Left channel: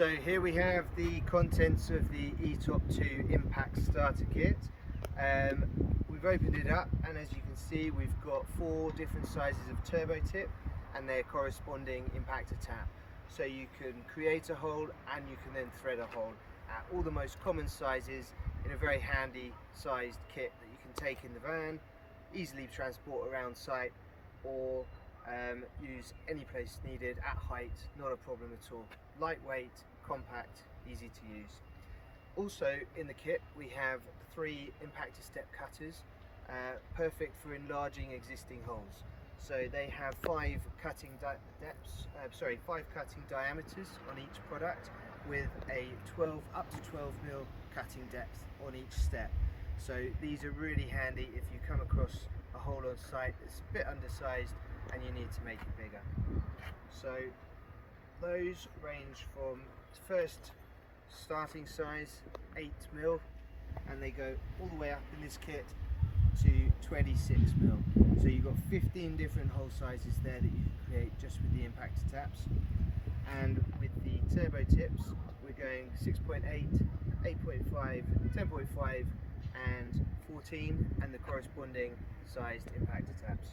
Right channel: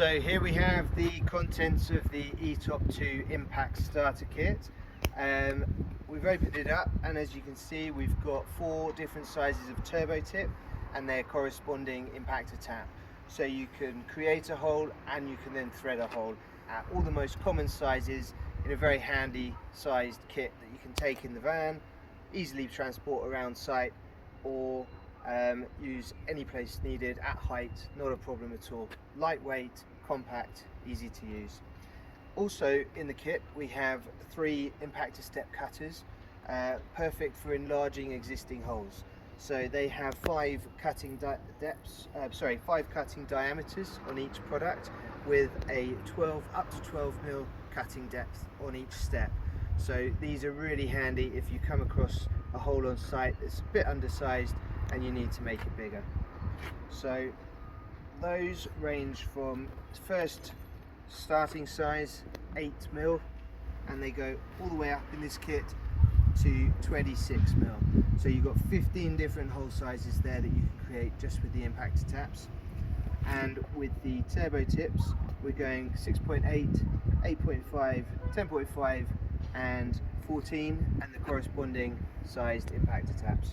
So here we have the contents of the ETOP2 Impact Starter Kit. We've opened it up, and as you can see, we've got 4 different sizes of turbo tip and their corresponding impactor tap. So you can create a hole and you can then thread a hole at all the most common sizes in a very handy sized kit that you can take in the van, easily transport around site, or use any place needed at height, not a problem at all. Lightweight, compact, easy to use. Also in the kit we have 3 impactor step cutters, perfect for enlarging existing holes. So they have 5 cutting diameters on each product, with a up to 12 mil cutting depth on each step. So these are really handy if you come across a hole on site that's a bit undersized and you need to make it bigger. So those range from first starting size 8 mil, and they go all the way up in this kit to 26 mil. So you've got 15 different hole sizes there that you can create just with the impactor taps. And with the turbo tips, we're going 6.8, 8.5, 10.5 and 14, and the corresponding sized impactor taps.